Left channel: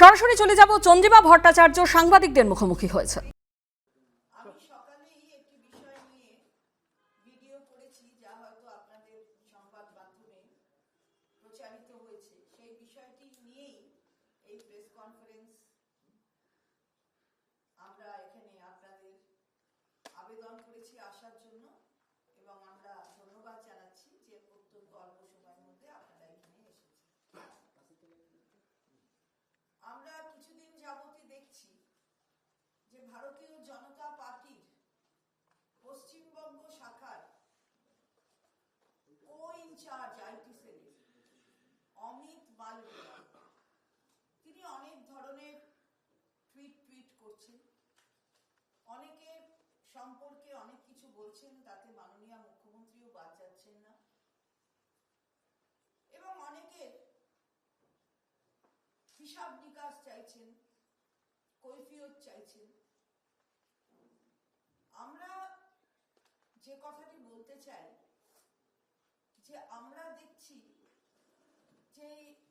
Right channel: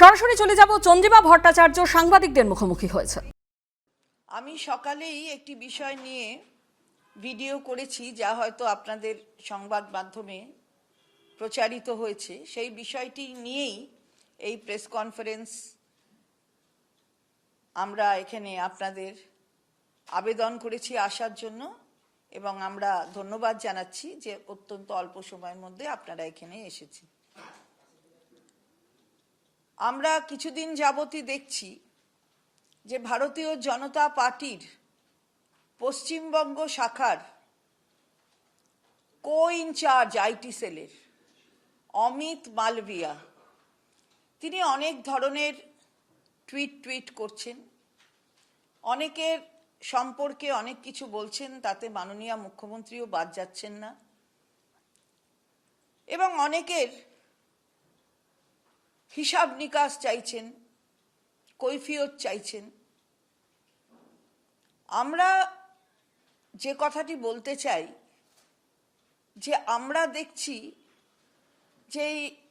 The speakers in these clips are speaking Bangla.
সরাসরি চলে যাব চন্দ্রিমা ভট্টাচার্য, সাংবাদিকদের মুখোমুখি হয়েছে। আমি সকালেই একটি বিষয় নিয়ে ভিডিও করেছি, যা হয়তো আপনাদের সংবাদ মাধ্যমে প্রচারিত হয়েছে। সেই বিষয়টি নিয়েই এই প্রেস কনফারেন্স আমরা এখানে আপনাদের আবেদন করেছি আসার জন্য, এবং আমরা ধন্যবাদ জানাচ্ছি যে অত্যন্ত অল্প সময়ের মধ্যে আপনারা এখানে এসেছেন। আমরা কিছুদিন যাবতই দেখছি যে ভারতীয় জনতা পার্টির পশ্চিমবঙ্গ শাখার কো ইনচার্জ আইটি সেলের অমিত মালভিয়া। তিনি অনেক ধরনের টুইট টুইট করছেন। অনেকের সম্পর্কে অনেক কিছু বলছেন, তাতে মাননীয় মুখ্যমন্ত্রীও বাদ যাচ্ছেন না। এবং অনেকের হিসাব নিকাশ চাইছেন, কৈফিয়ত চাইছেন। আমরা যে কথাটি বলতে চাই, যে আমরা দেখছি যে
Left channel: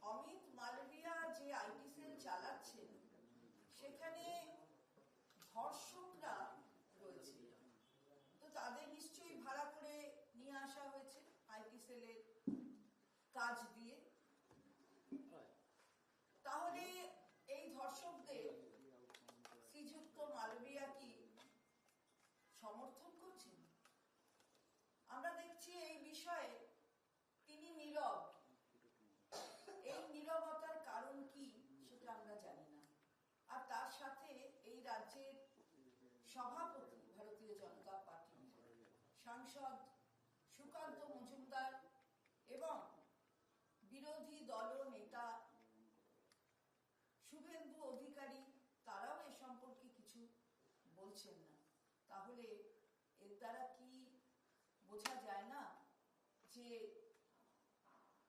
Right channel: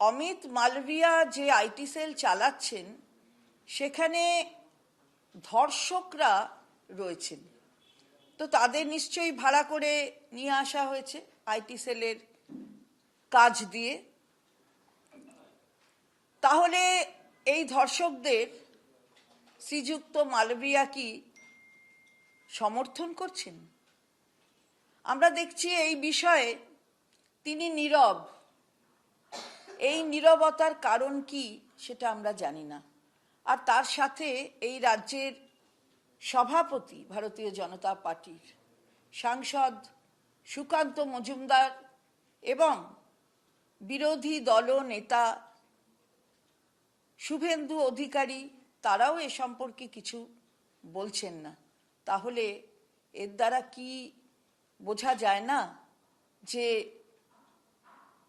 অমিত মালভিয়া যে আইটি সেল চালাচ্ছেন, সেখানে ধর্ষকরা রয়েছেন। তো তাদের নিশ্চয়ই ভাড়া করে নিয়ে আসা হয়েছে আইটি সেলের কাজ দিয়ে। তাহলে এই ধর্ষকদের শ্রীযুক্ত মালবিয়া কি সমর্থন করছেন? আমরা দেখছি এই বিষয়ে তিনি নীরব। এই নীরবতার কারণ কি সেটা আমরা জানি না। আর তার সাথে এই রাজ্যের সভাপতি ভারতীয় জনতা পার্টির সাংসদ সুকান্ত মজুমদার এবং বিরোধী দল নেতা শুভেন্দু অধিকারী তারাও এ সম্পর্কে কিছু বলছেন না। তাহলে এর দ্বারা কি বোঝা যায় না যে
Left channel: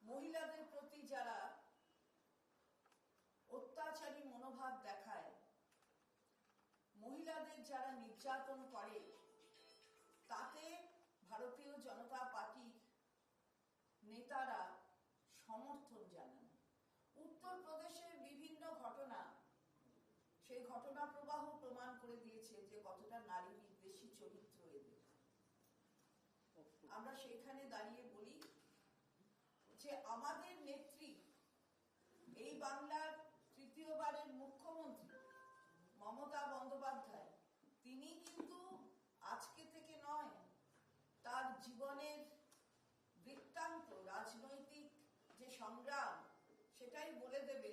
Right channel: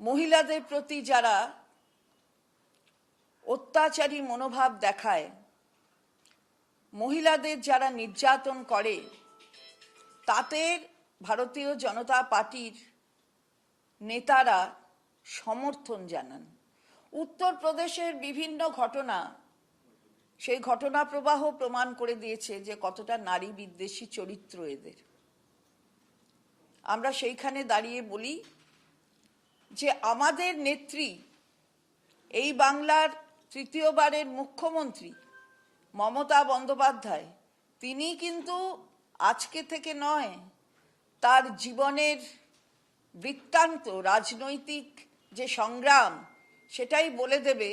মহিলাদের প্রতি যারা অত্যাচারী মনোভাব দেখায়, মহিলাদের যারা নির্যাতন করে, তাদের ভারতীয় জনতা পার্টির নেতারা সমর্থন জানান। উত্তরপ্রদেশের বিভিন্ন ঘটনা, সেই ঘটনা প্রবাহ প্রমাণ করে দিয়েছে যে কতটা নারী বিদ্বেষী চরিত্র এদের। আমরা সেইখানে দাঁড়িয়ে বলি যে আমাদের নেত্রী, এই বাংলার তৃতীয়বারের মুখ্যমন্ত্রী মমতা বন্দ্যোপাধ্যায়, তিনি কিন্তু আজকে থেকে নয়, তার জীবনের বৃত্তান্ত, রাজনৈতিক যে সংগ্রাম সেটাই বলে দেবে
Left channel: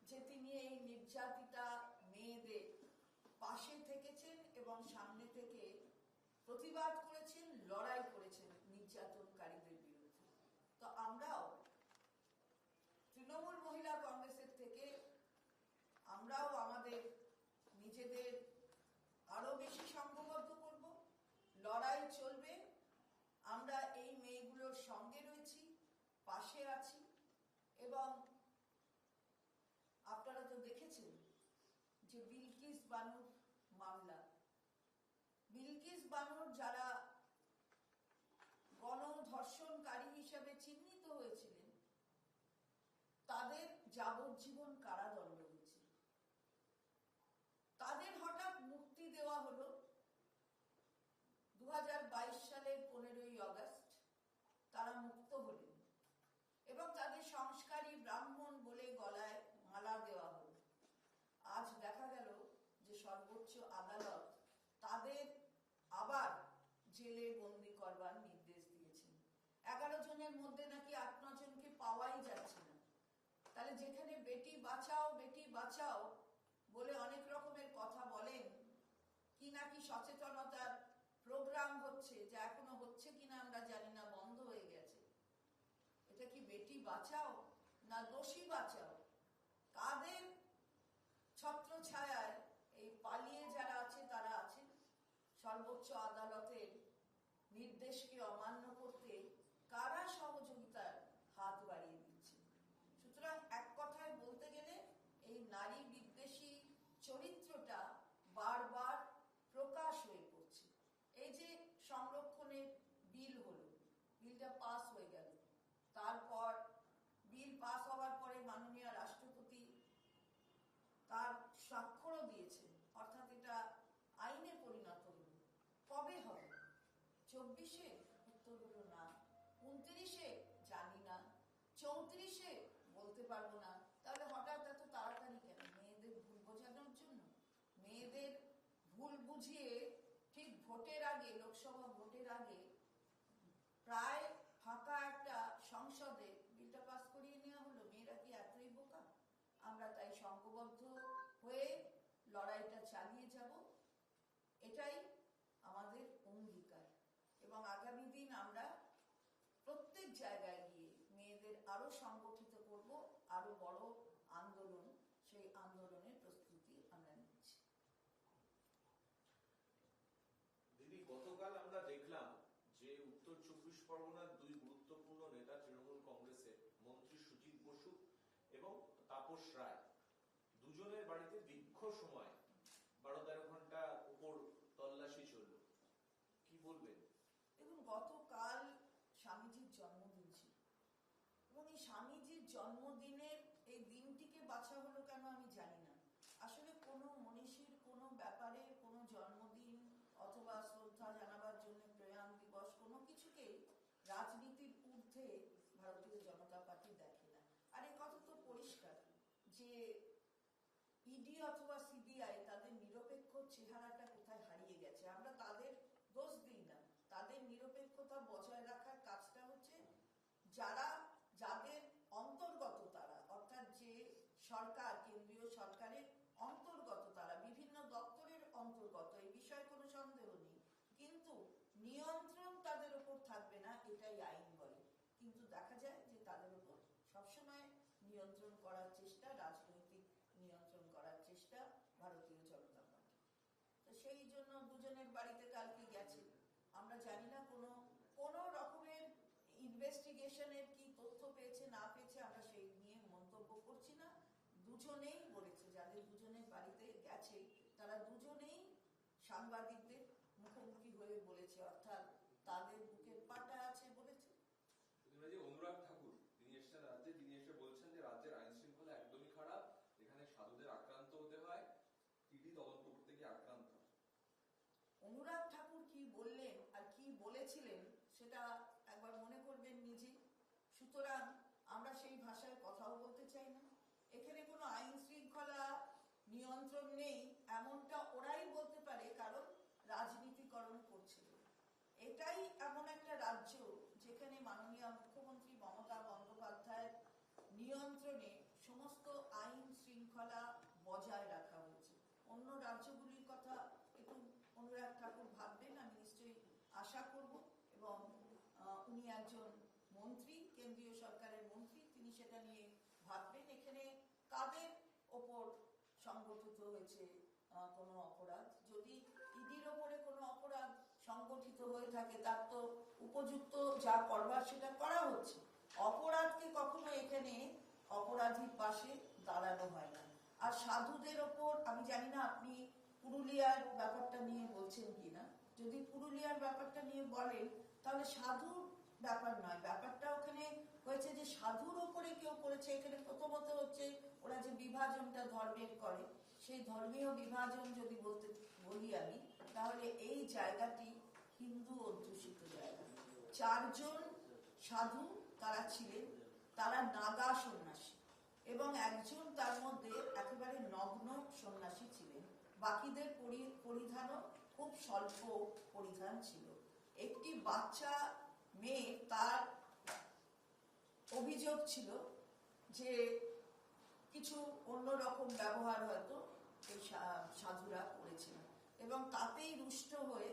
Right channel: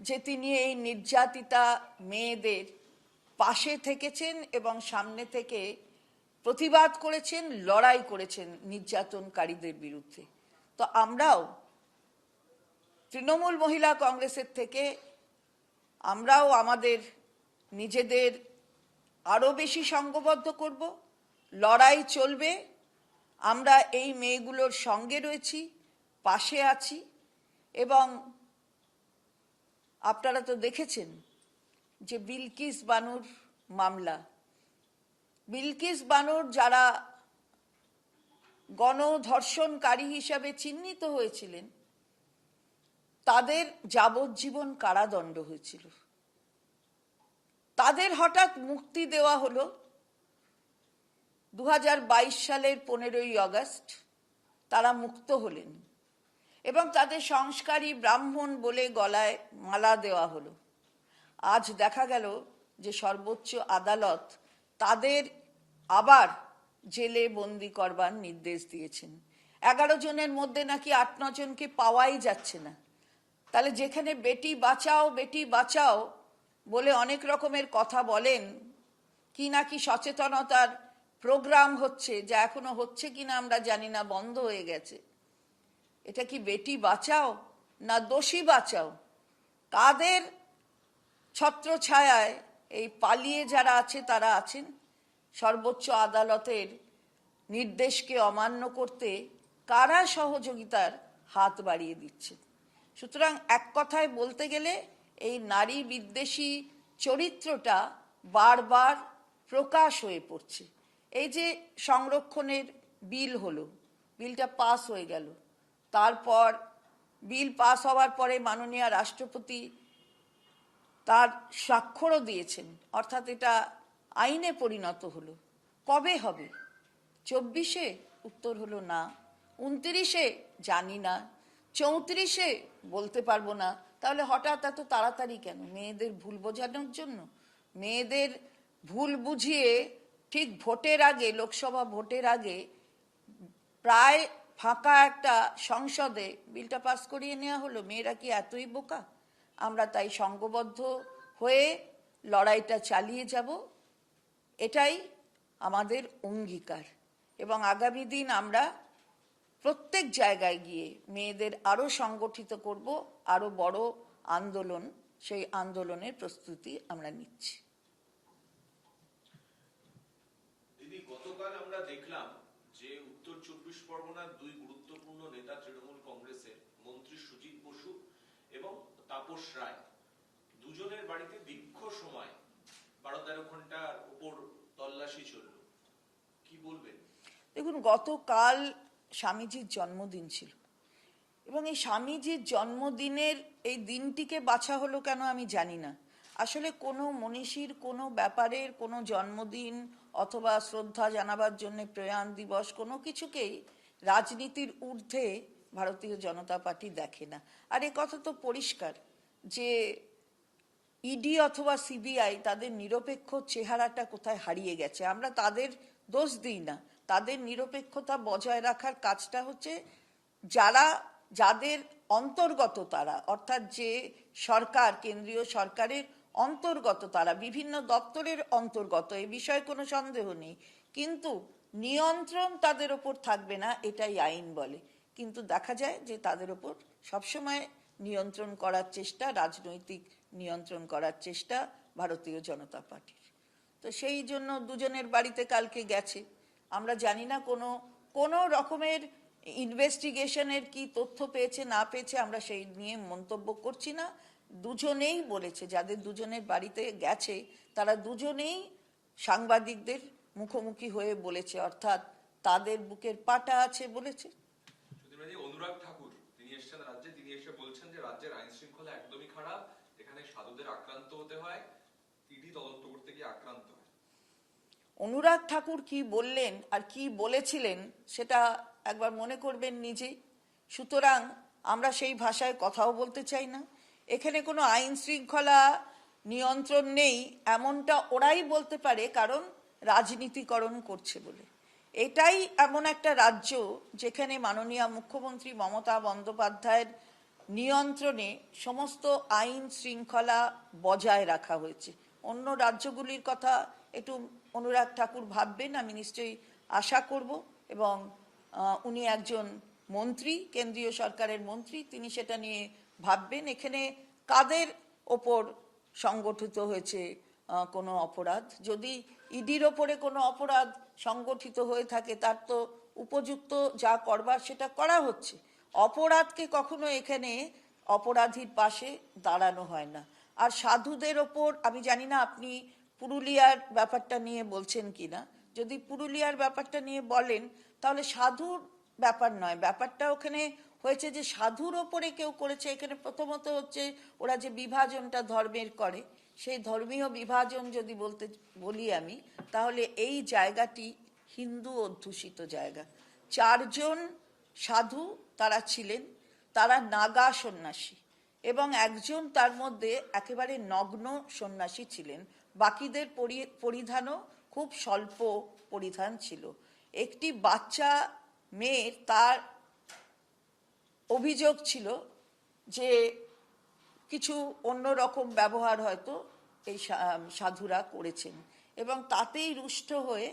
যে তিনি এই নির্যাতিতা মেয়েদের পাশে থেকেছেন এবং সামনে থেকে প্রতিবাদ করেছেন, লড়াই করেছেন নির্যাতনকারীদের বিরুদ্ধে। তো আমরাও তৃণমূল মহিলা কংগ্রেসের থেকে আমরাও আমাদের নিজেদের আরও বেশি সঙ্গবদ্ধ করব, লড়াই চলবে, আমরা এই মেয়েগুলোর সঙ্গে রয়েছি, পাশে আছি। এবং আপনারা তো দেখেছেন যে বিলকিস বানুর মামলা। বিলকিস বানুর যারা গণধর্ষণকারী হিসাবে চিহ্নিত হয়েছিলেন, তাদের যাবজ্জীবন কারাদণ্ড হয়েছিল। তাদের হঠাৎ মুক্তি দেওয়া হলো দু হাজার বাইশ সালের পনেরোই আগস্ট, তারা মুক্ত হলেন। এবং তাদের সংস্কারী ব্রাহ্মণ বলে গলায় মালা দেওয়া হলো। আজ দেখা গেল যে সর্বোচ্চ আদালত তাদের আবার জেলে বন্দি করবার নির্দেশ দিয়েছেন। এগারো জনের মধ্যে নাকি আট জনকে পাওয়াই যাচ্ছে না। তাহলে যেখানে বেটি বাঁচাও বেটি বাঁচাও বলে অনেক রকমের কথা বলেন, কি নাকি সচেতনতার প্রোগ্রাম হচ্ছে, যা এখনও হচ্ছে কিনা আমরা জানি না, বন্ধ হয়ে গেছে। এটা কি বেটি বাঁচাও না দোষী বাঁচাও? কাদের ছত্র ছত্রছায়ায় এই পালিয়ে যারা আছে, তারা আছেন? সর্বোচ্চ আদালতের নির্দেশকে অমান্য করতে কারা সহযোগিতার হাত বাড়িয়ে দিচ্ছে? সুতরাং এক কথায় বলতে গেলে, এই নারী বিদ্বেষী চরিত্রটা বারবার প্রকাশ হয়ে পড়ছে। এই যে সংরক্ষণের বিল হলো, বিলটা পাস হয়ে গেল তারপর বিল পাস হওয়ার পরে মাননীয় রাষ্ট্রপতি তার স্বাক্ষরও দিয়েছেন। অর্থাৎ এটা আইনে পরিণত হলো। কবে হবে? চব্বিশে? উত্তর হলো না। উনত্রিশে? জানি না। চৌত্রিশে? বলতে পারব না। তাহলে হঠাৎ এত তাড়াতাড়ি কেন? মেয়েদের ভুল বোঝানোর জন্য? মেয়েদের ভুল বুঝিয়ে ঠিক ভোটের আগে, লোকসভা ভোটের আগে প্রায় ফাঁকা একটা সংসদে বিলটা পাস করিয়ে নেওয়া হলো, মেয়েরা কি এতই বোকা? আমরা তাই সঙ্গবদ্ধ হয়ে লড়াইটা চালিয়ে যাব, এটাই আমাদের অঙ্গীকার। এবং আগামী দিন আমরা প্রত্যেক জায়গায় গিয়ে মেয়েদের আরও সংগঠিত করব আরও বড় আন্দোলন, সেই আন্দোলনের প্রস্তুতি আমরা নিচ্ছি। গতকাল আমরা দেখলাম যে উত্তর চব্বিশ পরগনার দুই গুরুত্বপূর্ণ নেতা তৃণমূল কংগ্রেসের মন্ত্রী সুজিত বসু এবং তাপস রায়। দুজনের বাড়িতে দীর্ঘ সময় বারো তেরো ঘণ্টার উপর তল্লাশি চলল। কি বলবেন? দেখুন, গতকাল স্বামীজির জন্মদিন ছিল। এবং এই স্বামীজির জন্মদিনের এই দিনটিকে বাছা হলো কেন আমি জানি না। আসলে কোনো মনীষীর, কোনো ব্যাপারের, কোনো জন্মদিন অথবা শ্রদ্ধা জানাবার জন্য প্রয়াণ দিবস কোনো কিছুকেই রাজনীতির ঊর্ধ্বে ভারতীয় জনতা পার্টি দেখে না। আর এ কথা তো পরিষ্কার যে ইডি অথবা সিবিআই তাদের নিরপেক্ষ চেহারাটা কোথায় হারিয়ে গেছে। আমরা তাদের দোষ দিই না। তাদের নিরপেক্ষতা বজায় রাখার কাজটা হচ্ছে যারা, যাদের অন্তর্গত তারা, অর্থাৎ যে সরকার, কেন্দ্রীয় সরকারের অন্তর্গত তারা, বিভিন্ন দপ্তরের অন্তর্গত, এ বিষয়ে কোনো সন্দেহ নেই। কিন্তু নিয়ন্ত্রণ তাদের ওপর থাকবে না, এটাই আইন বলে। কিন্তু দেখা যায় যে তাদের ওপর সবসময় নিয়ন্ত্রণ করার চেষ্টা, রাজনৈতিক নিয়ন্ত্রণ করার চেষ্টা ভারতীয় জনতা পার্টির। তো সেই জন্য দুজনের বাড়িতে কালকে গেছে। আমরা জানি না কোনো কোনো রকমের ইনভেস্টিগেশনের কি তথ্য পেয়েছে, না পেয়েছে, আমরা সেই নিয়ে মন্তব্য করছি না। দুজনেই বলেছে, যাদের দুজনের বাড়িতে গেছে, তারা দুজনেই সাংবাদিকদের মুখোমুখি হয়ে বলেছে, অর্থাৎ তাদের বুকের পাটা আছে বলেছে সুধীরবাজি অনুরাগ ঠাকুর তিনি এসেছেন রাজ্যে তিনি এসে বলছেন যে রাজ্যের আইন শৃঙ্খলা একদমই খারাপ এখানে সাধুদের আক্রান্ত হতে হয় ইডি তদন্ত করতে গিয়ে আক্রান্ত হয় অনুরাগ ঠাকুর কি বললেন আর কি বলেছিলেন সেটা একবার মনে করবেন নিজেই সুতরাং আমরা সেই ভাষায় কথাও বলতে চাই না। এখানে কোনো আইন শৃঙ্খলা নিয়ন্ত্রণ নেই, এমনটা ওরাই বলতে পারে, কারণ রাজনীতিকরণ করছে বলে। এটাই এমন একটা রাজ্য যেখানে মাননীয় মুখ্যমন্ত্রী মমতা বন্দ্যোপাধ্যায়ের নিয়ন্ত্রণে সমস্ত আইন শৃঙ্খলা বজায় রাখা হয়েছে। অন্য রাজ্যগুলির কথা একটু অনুরাগ ঠাকুর ভাববেন, আমি নিশ্চয়ই আশা করব। এবং উনি একজন মন্ত্রী, কেন্দ্রীয় সরকারের মন্ত্রী, তিনি সেটা নিয়ে ভাববেন। এখানে কাদের ওপর সংগঠিত হয়েছে কোনো অপরাধ? যদি ইডির ওপরে কোনো অপরাধ সংগঠিত হয়ে থাকে, তার তো উপযুক্ত যা করবার সেটা করা হচ্ছে। অপরাধকে কখনো এখানে অপরাধীর পাশে দাঁড়ানো হয় না। আর সাধুদের ওপর, আমি জানি না আপনি পুরুলিয়ার ব্যাপারটা নিয়ে বলছেন কিনা? যদি পুরুলিয়ার ব্যাপারটা নিয়ে বলেন, তাহলে সাধুর ব্যাপার নয়। ব্যাপারটা ওখানে হয়েছে যে সাধুর ওপরে কেউ করেছে, এখানে প্রথমত হচ্ছে ওরা যে বিভাজনটা ধর্মের করে, সেই ধর্মীয় বিভাজন যদি বলতে, বলি আমি, তাহলে এই জায়গাটি হিন্দু অধ্যুষিত জায়গা। চারজন সাধু তারা ছিলেন, তারা নাগা সন্ন্যাসী এবং একজন তার মধ্যে একেবারে নগ্ন সন্ন্যাসী ছিলেন। বাকিদের পরি- পরিধানও খুব স্বল্প পরিধান ছিল। একটি বাচ্চা মেয়ের তার অভিযোগ ছিল যে কিছু অন্যরকম ব্যবহার হয়তো এই সাধুরা করেছেন এবং তাতেই রুষ্ট হয়ে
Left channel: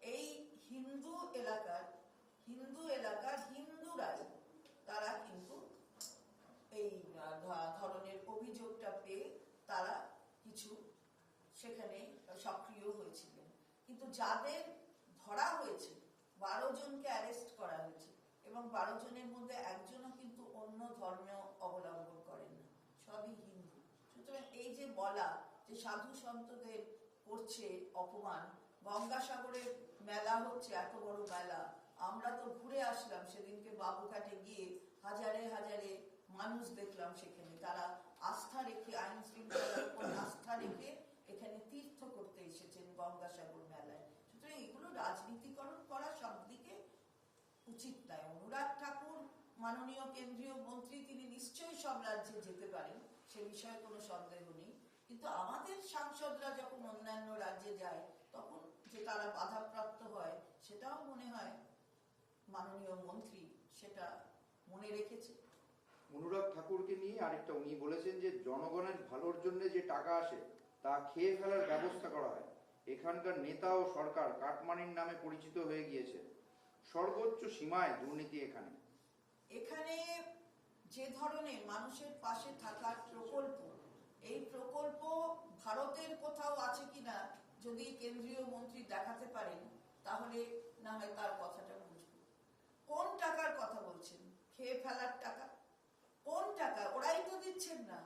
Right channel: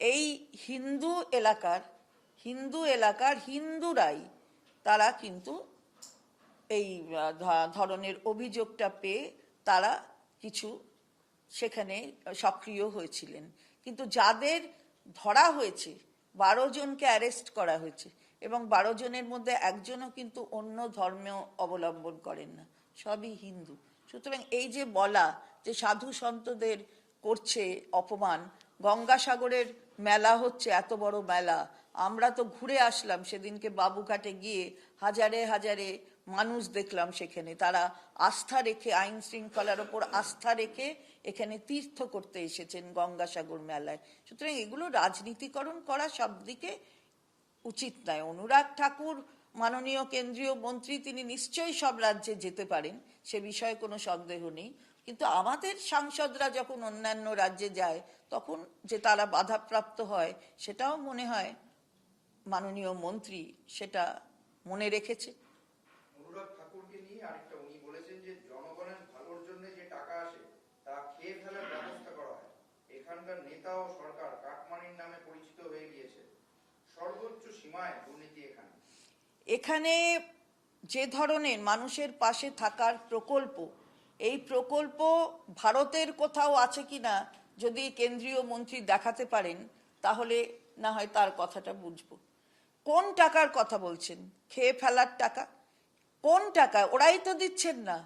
এই হিন্দু এলাকার হিন্দু এলাকার হিন্দুরাই তারা কিন্তু এই ধরনের অভিযোগটা পেয়ে তারা কিছু সেখানে সক্রিয় হয়েছিলেন। কিন্তু যাদের ধরা হয়েছে, বারো জনকে অ্যারেস্ট করা হয়েছে এবং বারো জনের মধ্যে একজনও কিন্তু অন্য ধর্ম অবলম্বন করেন না। সবই হিন্দু। সুতরাং এই যে বলা যে সাধু সন্তদের করছে অপমান, গঙ্গাসাগরের মেলা হচ্ছে, এত বড় মেলা, আমরা তো ঘুরে আসলাম, সেদিনকে বাবুঘাটে গিয়ে হাজারে হাজারে মানুষ দেখলাম সেখানে। তারা আস্থা রেখে, আইন শৃঙ্খলার ওপর আস্থা রেখে এখানে তীর্থ করতে এসেছেন গঙ্গাসাগর মেলায়। সুতরাং এগুলো রাজনীতিকরণ করা সব দিকে উচিত নয়। অনুরাগ ঠাকুর, মাননীয় কেন্দ্রীয় মন্ত্রী, তিনি নিশ্চয়ই সব রাজ্যে যেতে পারেন, সে বিষয়ে কোনো সন্দেহ নেই। কিন্তু আমাদের সাংসদরা যখন অন্যান্য রাজ্যে যায়, তখন যে তারা বাধাপ্রাপ্ত হয়, সেটাও মনে হয় মাননীয় মন্ত্রী সেটা মনে রেখেছে। অনুরাগ ঠাকুরকে নিয়ে আরেকটা উনি বলেছেন যে, জনগণের ভালোর জন্য যে টাকা আসে তা খেয়ে ফেলার ব্যবস্থা করা হয়। এখানকার নেতা ও সরকার কাটমানির নামে পরিচিত হয়ে গিয়েছে সর্বোচ্চ সীমায় দুর্নীতি এখানে। এখানে যে ধরনের মানুষের পাশে থাকার প্রকল্প, এই প্রকল্প ভারতের কোথাও আছে কিনা যদি কেন্দ্রীয় মন্ত্রী দেখাতে পারেন, তাহলে না হয় তার কথাটা বুঝব। কোন টাকার কথা বলছেন? খেয়ে ফেলার টাকা? কোন টাকা? ওরাই তো দিচ্ছেন না।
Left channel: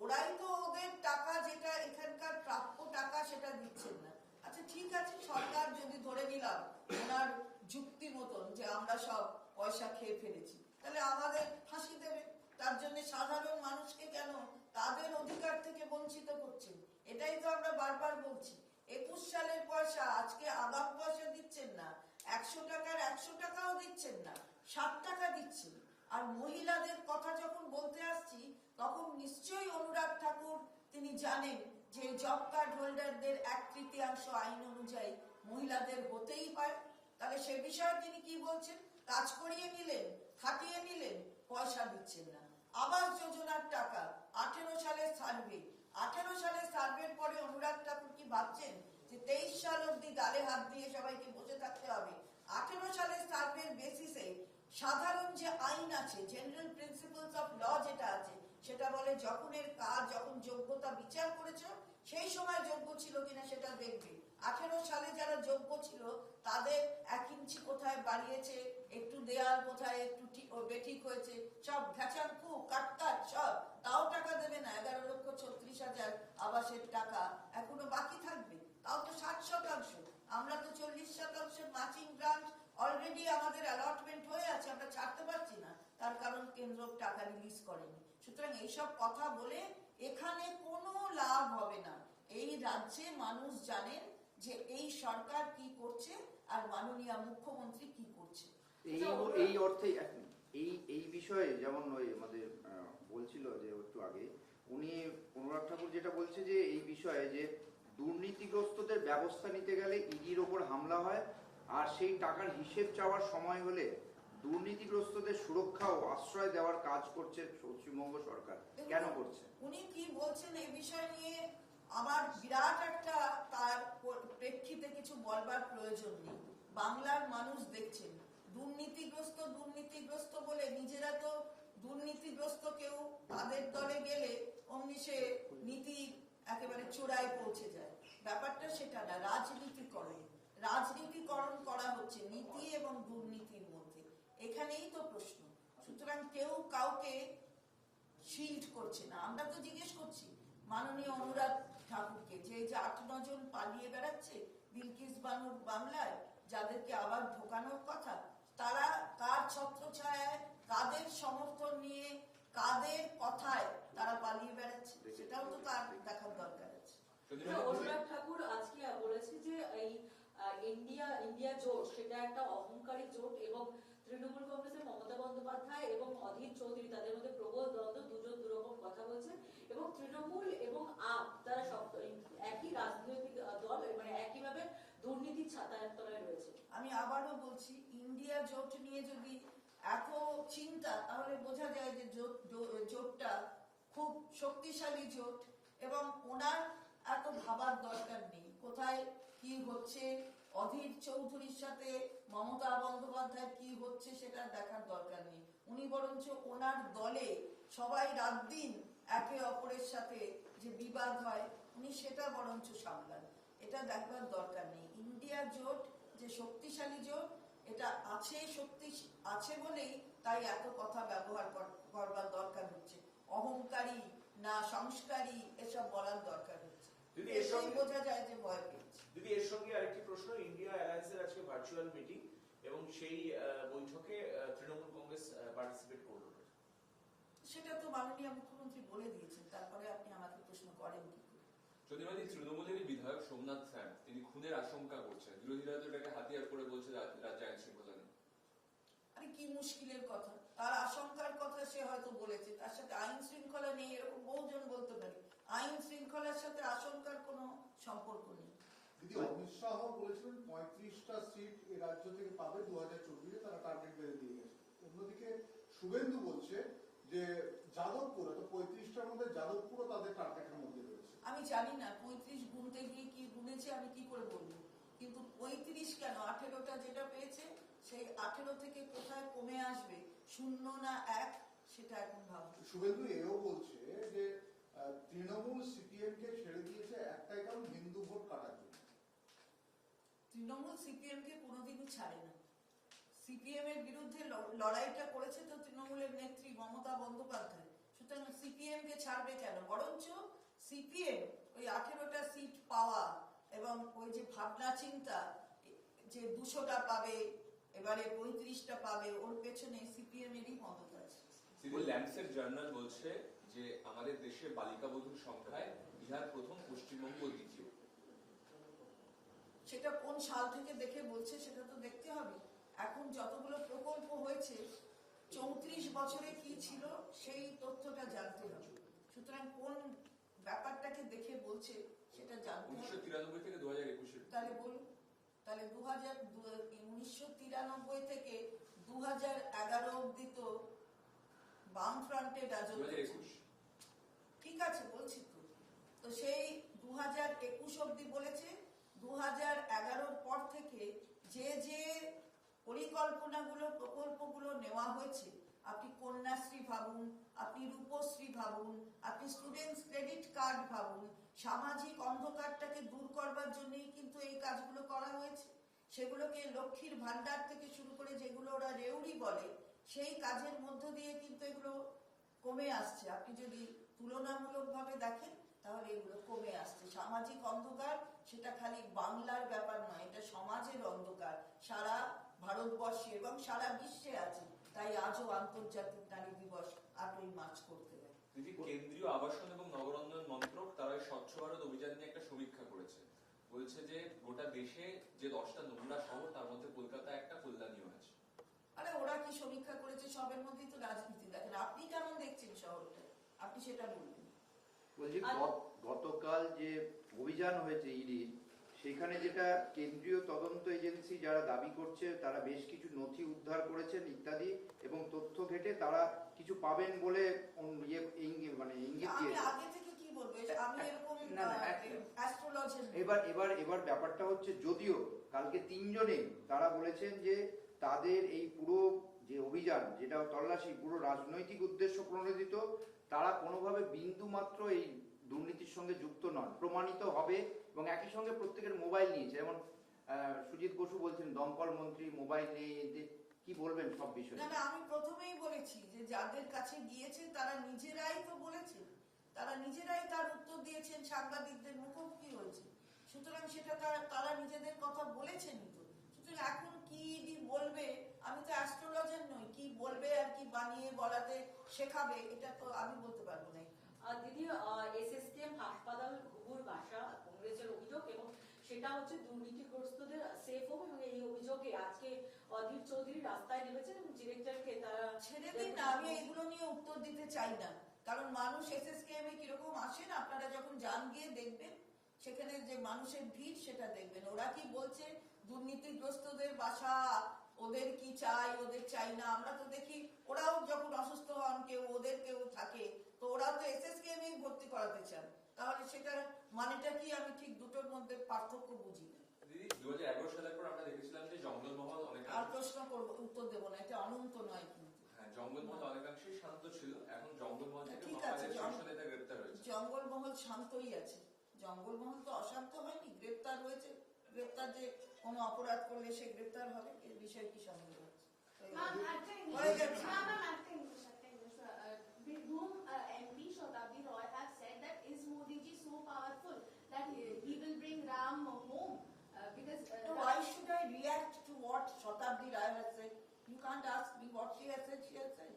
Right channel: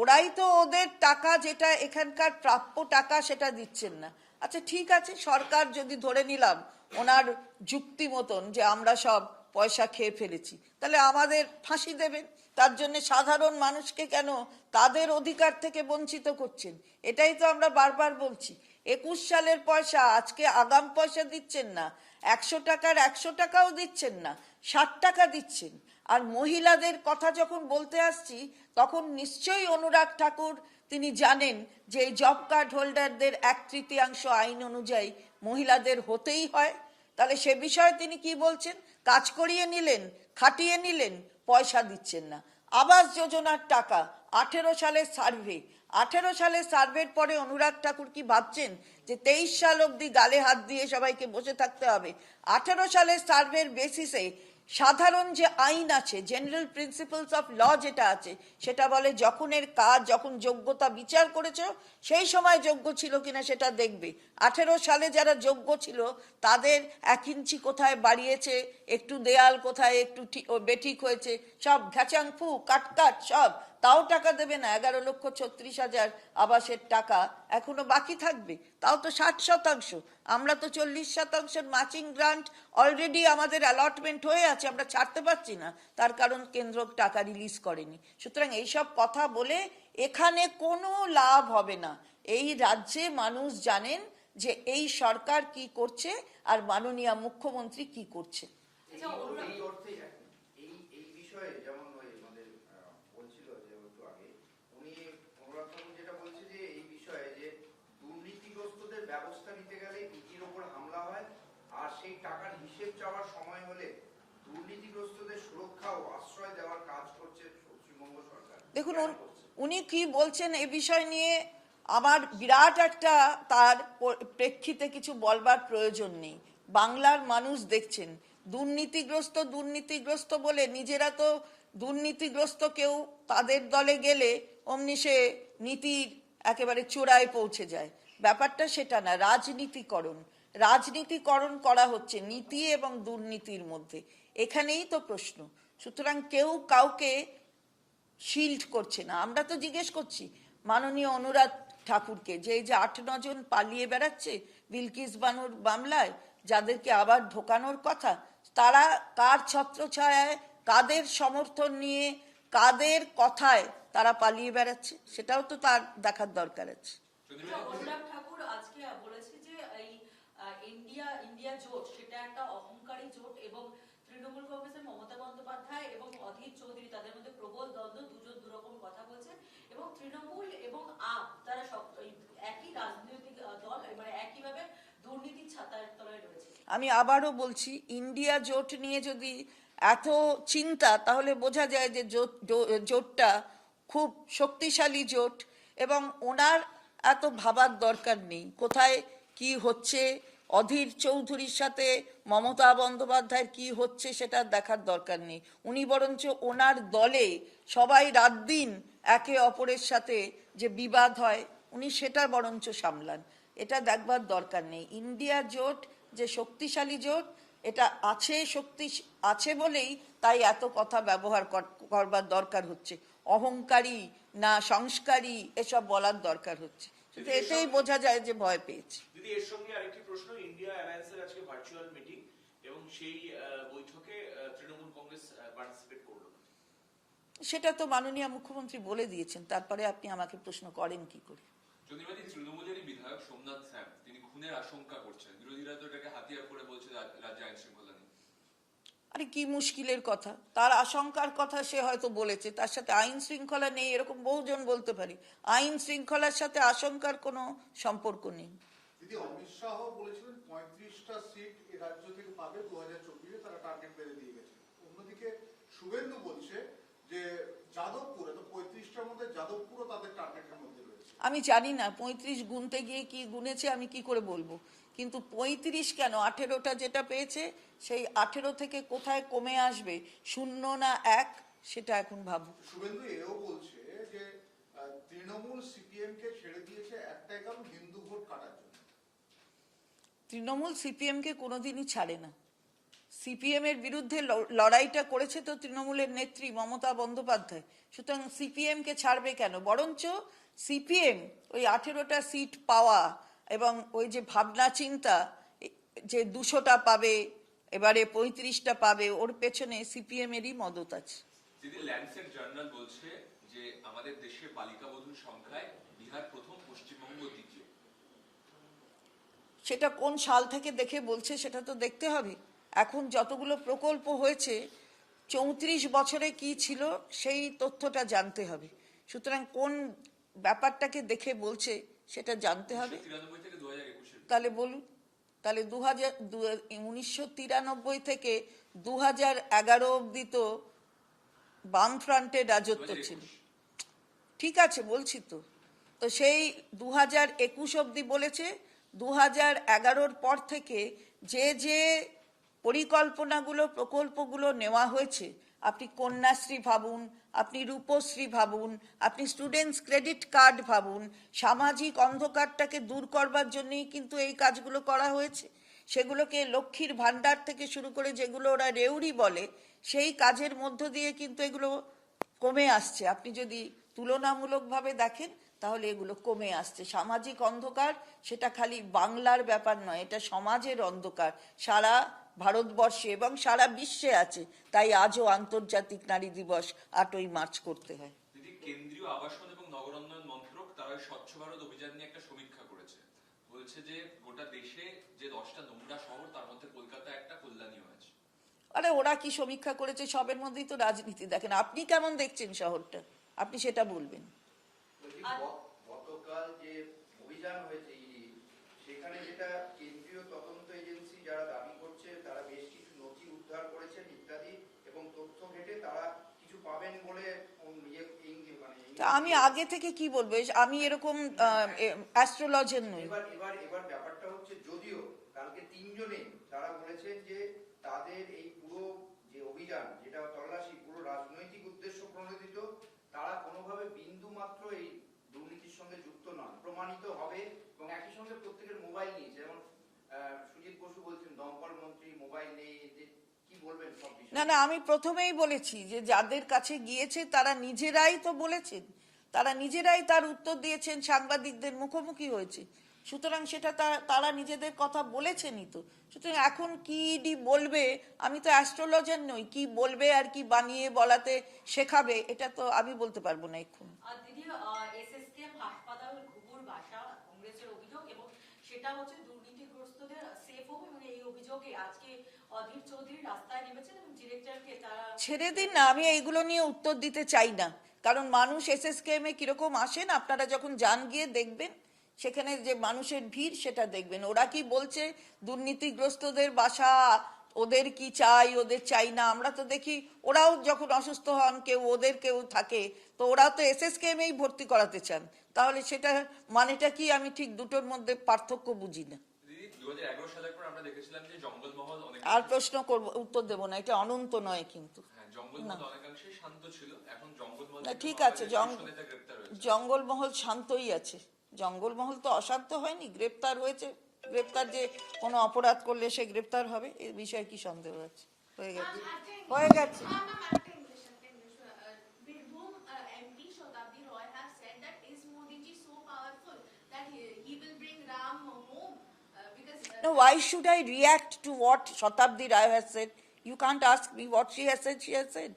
ওরাই তো ওদের টাকা যেটা এখানকার প্রাপ্য টাকা সেটা দিচ্ছেন না। আচ্ছা ঠিক আছে, সরকার যদি ধরে নিলাম ওনার যুক্তি মতন যে আমরা সব পয়সা খেয়ে ফেলেছি, তাহলে আমাদের ফাঁসি দেবেন। তার জন্য সাধারণ মানুষকে কেন তাদের অধিকার থেকে বঞ্চিত করছেন? এটাই তো আমরা বারবার বলছি। একুশ সালের পয়সা, আজকে আগাম পয়সা দিচ্ছেন না। একশো টাকার একশো টাকাও দিচ্ছেন না, ষাট টাকা দিচ্ছেন। আর মহিলাদের কথা যখন বলতে আসছি, তখন নিশ্চয়ই অনুরাগ ঠাকুর তিনি জানেন যে এই জব কার্ড হোল্ডারদের এক তৃতীয়াংশ আইন অনুযায়ী মহিলাদের হতেই হয়। তাহলে সে বিষয়ে তিনি কি বলছেন? কাজ করিয়ে নিলেন, খাটিয়ে নিলেন, পয়সা দিচ্ছেন না। আবাস যোজনার টাকা, আঠেরো সালের সার্ভে আঠেরো সালের সার্ভের পরে অনুরাগ ঠাকুর কি ভাবছেন যে তেইশ সাল অবধি গালে হাত দিয়ে সবাইকে বসে থাকতে হবে? আঠেরো সালের সার্ভের বেসিসে সাধারণ যে আইন আছে জেনারেল প্রিন্সিপালস অফ ল যেটা আছে, সেটা বলে যখনের কাজ, যখন যোগ্যতা বিচার করেছ, সেই সময় যোগ্য ছিল কিনা সেটা দেখবে। আঠেরো সালে যারা যোগ্য ছিল, তাদের এক ইঞ্চি কোথায় বাড়িয়েছে, একটু দেয়াল কোথায়, একটু বেঠিক হয়েছে, সব ঘ্যাচাং ফু, কাট কাট, সব তাও টাকা দেবে না, এগারো লক্ষ ছত্রিশ হাজার আবাসের টাকা এখনও বাকি থাকবে, তাও তো ষাট শতাংশ। আমরা তো চল্লিশ শতাংশের ম্যাচিং গ্রান্ট অলরেডি আমাদের অ্যালটমেন্ট হয়ে আছে, আমরা ছাড়তে পারছি না, তার কারণ কেন্দ্র টাকা রিলিজ করেনি। সুতরাং এইসব কথা বলে এখানে কোনো লাভ হবে না। এই রাজ্যে মানুষ জানেন যে এই সরকার কি করছে আর মাননীয় মুখ্যমন্ত্রী কি করছে। এই অর্থে এই এই বিষয়ে যেমন ওই আমাদের আহ, বলছিল যে একটু আগে উনি অনুরাগ ঠাকুর যেটা বলছে যে এই বিষয়ে যে দুর্নীতিগ্রস্তদের ব্যবস্থা নিতে গেলে ইডির ওপর হামলা হয় আর সেই টাকার হিসেব চাওয়ার সময় হলে দুর্নীতিগ্রস্তদের সুরক্ষা ও আশ্রয় দেওয়ার কাজ করছে পশ্চিমবঙ্গ সরকার। দেখুন উন- কি বলছেন এ বিষয় নিয়ে আমার বিরাট একটা তার প্রেক্ষিতে কিছু বলবার প্রয়োজন নেই। বাংলার মানুষ দেখছেন দুর্নীতিগ্রস্ত দুর্নীতিগ্রস্ত বলে নিজেরা তো দুর্নীতিগ্রস্ত কেউ তাদের দলে গেলে অমনি সে নীতির একেবারে চূড়ায় পৌঁছে যায়। ব্যাপারটা সেটা না, রাজনীতিকরণ। রাজনীতিকরণ করা হচ্ছে নীতি এবং দুর্নীতির মধ্যে। এখানেই তো প্রশ্ন। সুতরাং কেউ কাউকে শিল্ড করছে না। আমরা তো জিজ্ঞেস করছি, মাননীয় অনুরাগ ঠাকুরকে, যে যে আট নজন পালিয়ে বেড়াচ্ছে বিলকিস বানুর মামলায়, যাদেরকে আবার ঢোকানোর কথা, তারা কার ছত্রছায়ায়, কাদের সমর্থন নিয়ে, কাদের কথায় তারা পালিয়ে বেড়াচ্ছে সেটাও তো তার দেখার দরকার আছে। আচ্ছা, ঠাকুর আজকে বলেছে যে এই ইন্ডিয়া ইন্ডিয়া জোট সেটা একটা অহংকারী জোট এবং তৃণমূল কংগ্রেসের মমতা বন্দ্যোপাধ্যায় এবং অধীর চৌধুরী তাদের মধ্যে প্রবল দ্বন্দ্ব দুজন দুরকম কথা বলছেন এবং তৃণমূল এবং আপ তারা সব একই রাজনৈতিক দল মানে একইভাবে দুর্নীতির রয়েছে। আমি আবারও বলছি ইন্ডিয়া জোট নিয়ে যদি এত চিন্তা তাহলে বোঝা যায় যে জোট জোটটা খুব শক্তিশালী জোট এবং ওনার এত ভাবার দরকার নেই। কোথায় কি হচ্ছে? অধীর চৌধুরীর সাথে মমতা বন্দ্যোপাধ্যায়ের কি হচ্ছে সেটা দেখার দরকার নেই। উনি বরঞ্চ ওনার দলে সবাই রাত দিন একে অপরের সাথে যে বিবাদ হয়, উনি সেটা বরঞ্চ সামলান। এটা দেখবার দরকার নেই। ইন্ডিয়া জোট যে শক্তিশালী জোট, এটা আছে শক্তি, আছে বলেই তাই এত কথা ব্যবহার কর- করবার দরকার হচ্ছে। অহংকারী না সংস্কারী এসব বলার দরকার হচ্ছে। এতেই বোঝা যায় যে ভয় পেয়েছে। দিদি এর সঙ্গে আরেকটি প্রশ্ন ইন্ডিয়া অ্যালায়েন্সের আজকে ভার্চুয়াল মিটিং এবং সেই বৈঠকে তৃণমূল কংগ্রেস পার্টিসিপেট করল। সেটা তো মাননীয় মুখ্যমন্ত্রী বলে দিয়েছেন তারপরে আপনি আমাকে প্রশ্ন করেন কি করে? চন্দ্রিমাদি তৃণমূলেরই বিধায়ক সোমনাথ স্যাম তিনি খুনের আশঙ্কা করছেন। বিরোধীরা তো এটাকে হাতিয়ার করে বলছে রাজ- রাজ্যে আইন আরে কি মুশকিলের কথা। তার আশঙ্কার কথা সে হয়তো বলেছে। তার সাথে আইন শৃঙ্খলা নেই এরকম বহুজন বলতে পারি। আইন শৃঙ্খলার সাথে আশঙ্কার কোনো সম্পর্ক নেই। দিদি অমিত শাহ বলেছিলেন পঁয়ত্রিশটা সিট এ রাজ্য থেকে পাবে দু হাজার চব্বিশে তারা টার্গেট বেঁধে দিয়ে গেছে। অন্যদিকে শুভেন্দু বলছে যে যাদবপুর এত পঁয়ত্রিশটার মধ্যে যাদবপুরও তাদের টার্গেটের মধ্যে রয়েছে। আমি জানি না পঁয়ত্রিশ গুনতে গিয়ে কি গুনেছে আমি কি করে বলব? কিন্তু পঁয়ত্রিশ কেন? আঠেরোটা যেটা পেয়েছে সেই আঠেরো থেকে কোথায় কমে আসবে? শূন্য না এক? সেটা এখন ভাববো শুভেন্দু এও বলছে যে তৃণমূল সিপিএম কে ছেড়ে দিয়েছে একটাই কারণ হিন্দু ভোট কাটার জন্য। তৃণমূল সিপিএমকে কোনোদিনই ছাড়ে না। সিপিএম এর বিরুদ্ধে লড়াইটা করেছে তো তৃণমূলের নেত্রী মমতা বন্দ্যোপাধ্যায়। সুতরাং সিপিএম কে ছাড়বে কেন? বরঞ্চ সিপিএম ওই আঠেরোটা সিট পাওয়া এবং ওই যে ভাবনা চিন্তা যে দুশোটা পাবে এবারে পঁয়ত্রিশটা পাবে ওর পেছনে সিপিএম এরই মদত আছে। ল্যান্ডসেট জার্নাল বলছে যে আমাদের দেশে বালিকা বধূর সংখ্যায় বিহার প্রথম পশ্চিমবঙ্গ দ্বিতীয়। সেটা কোন সাল থেকে দেখে বলছে সেটা তো দেখতে হবে। এখন যতগুলো প্রকল্প হয়েছে চৌত্রিশ বছরে কি ছিল সেই তথ্যটা জানতে হবে। সুতরাং কোন ব্যাপারটাকে দেখে বলছে সেটা জানতে হবে। তাহলে বলুন তাহলে দু হাজার উনিশশো তিরানব্বই থেকে দু হাজার এগারো অব্দি তো বামফ্রন্টের রাজত্ব ছিল। ঠিক আছে বলছি তো। তো সেই দু হাজার একুশ অব্দি বলেছে দু হাজার এগারোর পর থেকে যে যে পরিকল্পনাগুলো প্রকল্পগুলো নেওয়া হয়েছে আপনি কন্যাশ্রী ভাবুন, আপনি রূপশ্রী ভাবুন, আপনি স্টুডেন্টস ক্রেডিট কার্ড ভাবুন, সামাজিক অন্ধকারটাকে দূর করবার জন্যই কিন্তু এই কাজগুলো করা হয়েছে। সেগুলোকে লক্ষ্মীর ভাণ্ডার থেকে শুরু করে যেগুলো ওরা রেউড়ি বলে, সেই কাজের মধ্য দিয়ে কিন্তু এগুলো কমে আসছে। আপনি যদি তুলনামূলকভাবে দেখেন, তাহলে এগুলো কমে আসছে। সামাজিক অন্ধকার, সেটা খালি বাংলার ব্যাপার নয়, এটা সমাজের অন্ধকার। সারা ভারতবর্ষে এবং সারা বিশ্বে আছে। তাই আজও আন্তর্জাতিক নারী দিবস আটই মার্চ করতে হয়। কেন্দ্রীয় আবাসন এবং নগরোন্নয়ন মন্ত্রক তারা স্বচ্ছ ভারত অভিযান নিয়ে একটা সমীক্ষা করেছে। বলছে যে গোটা দেশে যে দশটা নোংরা শহর তার মধ্যে কলকাতা একটা কল্যাণীও আছে। আরে ওরা কি সমীক্ষা করেছে সবের মধ্যেই তো রাজনীতি দেখেন। আপনি কেমন দেখছেন শহরটা? আপনি সেটা বলবেন। গতকাল যে অভিযান হয়েছে ইডি সেখানে যেটা কেন্দ্রীয় তদন্ত এজেন্সি যারা দাবি করছে তারা বেশ কিছু নথি উদ্ধার করেছেন ইত্যাদি এবং তথ্য ঘেটে তারা কিছু পাবেন বলে ইয়ে মানে আমি আগে থেকে কি বলব? আমি এরকম অ্যাস্ট্রোলজার নই। এবার এবার এবার ব্যাপারটা হচ্ছে যদিও কালকে তিনজনে তারা বলেছেন যে তাদের এই পুরো যে অভিযান যেটা তল্লাশি পুরো রাজনৈতিক উদ্দেশ্য প্রণোদিত তারা কোনোভাবে বিন্দু মাত্র এই দুর্নীতির সঙ্গে যুক্ত নন প্রমাণিত হবে এবং একই সঙ্গে প্রত্যেকের মোবাইল নিয়েছে যেমন সুজিত বসু বলছেন দমকল মন্ত্রী মোবাইল নিয়ে এদের কি বলবেন সব না না আমি প্রথমেই বলেছি যে যাদের কাছে গিয়েছে তারা নিজেরাই তো বলেছেন। তারা নিজেরাই তার উত্তর দিয়েছেন সাংবাদিকদের মুখোমুখি হয়েছে। সুতরাং সেটা তারা নিজেদের কথা বলেছেনই তো। সুতরাং এখন কি ডি বলবে আমি তো অ্যাস্ট্রোলজার নই কি বলবে আর কি বানিয়ে বলাতে শেখাবে এটা তো আমি বলতে পারব না এখন আর দিদি এসএসকেএম হাসপাতাল ঘুঘুর ভাষা কংগ্রেসের অভিযোগ এবং হচ্ছে দুর্নীতিগ্রস্তদের সেফ এবং এই অভিযোগে আজকে অধীর চৌধুরী রাস্তায় নেমেছেন ডিরেক্টরকে তারা ছেড়ে দিন না, আমি এইগুলো নিয়ে উত্তর দিতে চাই না। কারণ মানুষ এ কীরকম আসেন, আপনারা যখন যান গিয়ে দেখবেন, সেখানে যে মানুষের ভিড় সেটা দেখবেন। ওরা কি বলছে, দুর্নীতিগ্রস্তদের বাসা, ওদের কি চাই, ওদের চাই না, আমরা তো দেখি ওরাও যখন অসুস্থ হন, কেউ ওদের কেউ থাকে, তো ওরা তো এস এসএসকেএম এই ভর্তি করাতে চান। তাহলে সেটা মানেটা কি? আমি ঠিক দুটোর মধ্যে পার্থক্য বুঝি না। আর প্রশ্ন করব উত্তর দেবো না এটা অনন্ত নয় কিন্তু। হ্যাঁ না, ঠিক আছে, জঙ্গলমহল শান্তই আছে। জঙ্গলমহল তো অশান্ত হয়নি গ্রেপ্তার হয়েছে। গ্রেপ্তার যে কোনো অপরাধ করলে সে গ্রেপ্তার হবে এ বিষয়ে কি সন্দেহ আছে? হয়ে গেছে। হয়ে গেছে। Now, why should I react to what Shatabdi Rai has said? You can't ask me what she has said, she has said.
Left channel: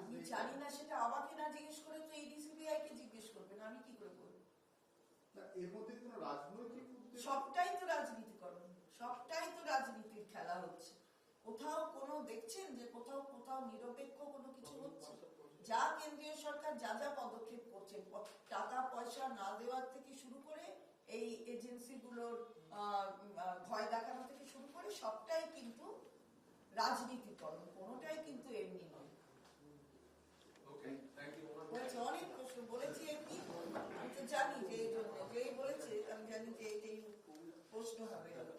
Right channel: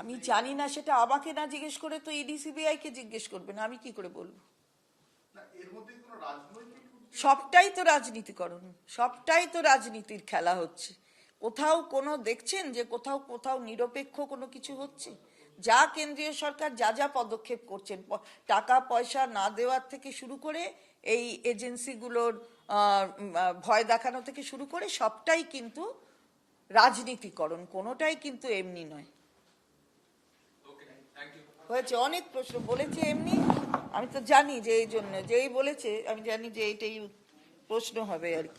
আমি জানি না সেটা আমাকে না জিজ্ঞেস করে তো ইডি সিবিআই কে জিজ্ঞেস করবেন আমি কি করে বলব এর মধ্যে কোনো রাজনৈতিক সবটাই তো রাজনীতিকরণ সবটাই তো রাজনীতির খেলা হচ্ছে। কোথাও কোনো দেখছেন যে কোথাও কোথাও নিরপেক্ষ কোনো কিছু হচ্ছে? যা কেন্দ্রীয় সরকার যা যা পদক্ষেপ করছেন টাকা পয়সা না দেওয়ার থেকে শুরু করে এই এজেন্সিগুলোর ভয় দেখানো থেকে শুরু করে সবটাই কিন্তু রাজনীতিকরণ কোনোটাই কিন্তু এমনি নয়। হয়েছে অনেক প্রশ্ন বলেছে এমনি। আমি তো জানি যে এই জন্য, যেই বলেছে, আমি জানি যে এইটাই প্রশ্ন হবে আর কি।